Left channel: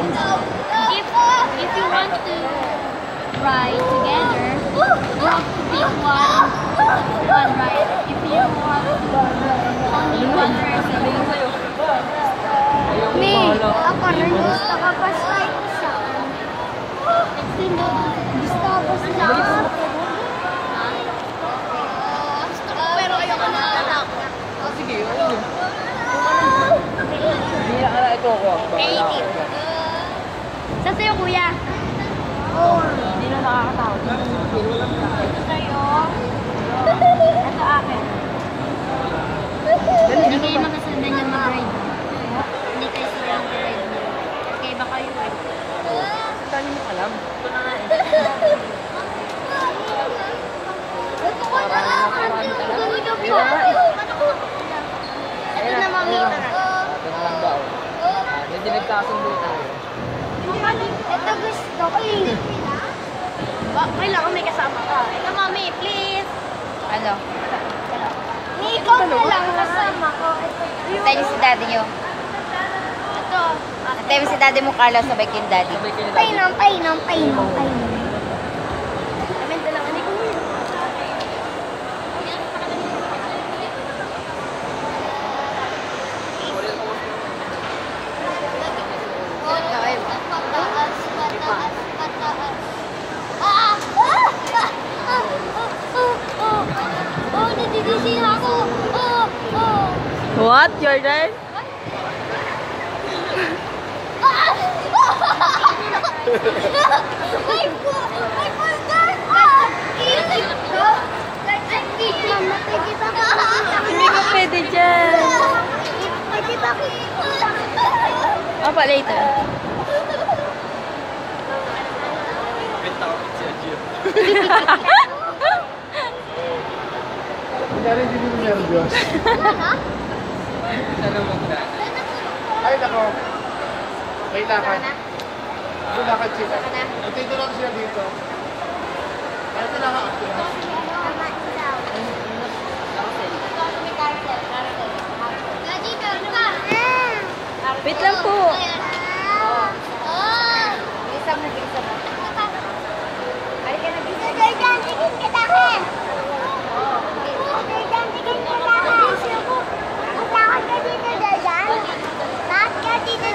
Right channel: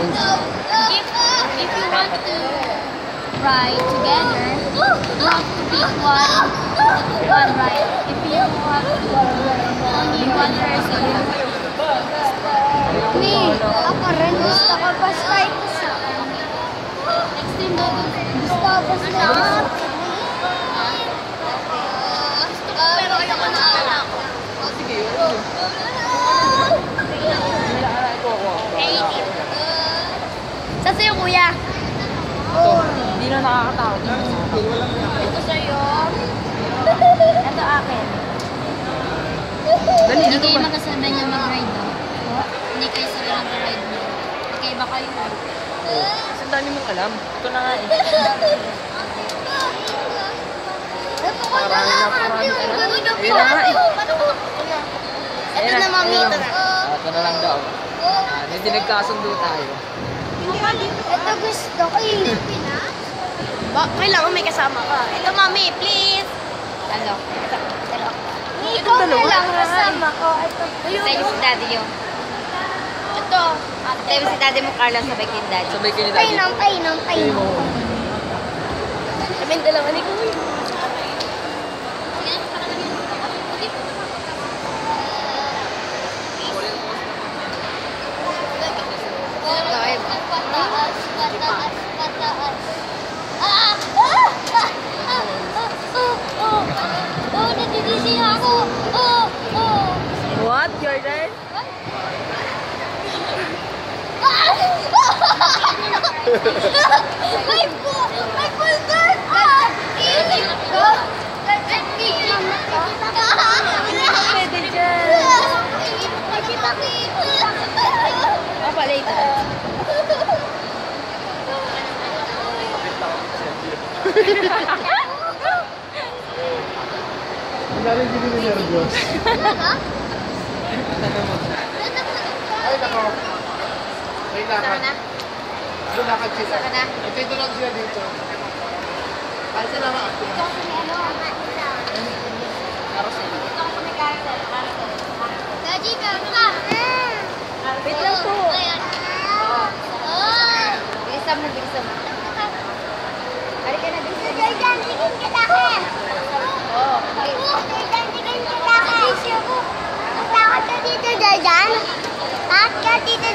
If you want to ride together, you have to be one ride. If you want only one person, Me, ako rin gusto ko pa strike sa next time na gusto ko pa strike. pero ayoko na. Sige. Saan sa'yo, kuya? Oh. Hindi na nakakatawa. Ito sa'yo. Ito akin. Dali, Hindi kayo magkasabay niya mag-ride. Hindi kayo sila mag-ride niya. Okay ba kayo? Kasi dali mo alam. Ito na nga. Ito na, mami. Ito na. Ito na lang daw. Medyo nagkasundo tayo. Ito gusto ko eh. Kailangan may kasama ka. Ito, mami, please. Ano? Ikaw na lang kasama ko. Ito. Tayo si daddy nyo. Ito. Tayo si daddy mo, Carlos, sabay kayo daddy. Sabay kayo dati. Painom. Kami dalawa ni kuya. Pataas. Nagdidisi na ako. What, Jordan? My bulldog! Pwede dyan. Apa later? Kunyari hindi mo nervyos. Ay, nako. May lakad. May lakad sila. Dito lang sila dito. Ay, sila nga. Gaji, meron ka. Wait lang po. Ayan. Bilisam na. Ari ka na, bilisam. Jordan, tigil kita ka. Oo. Jordan, tigil kita ka. Maglakad ka dito, Jordan. Lahat ka dito,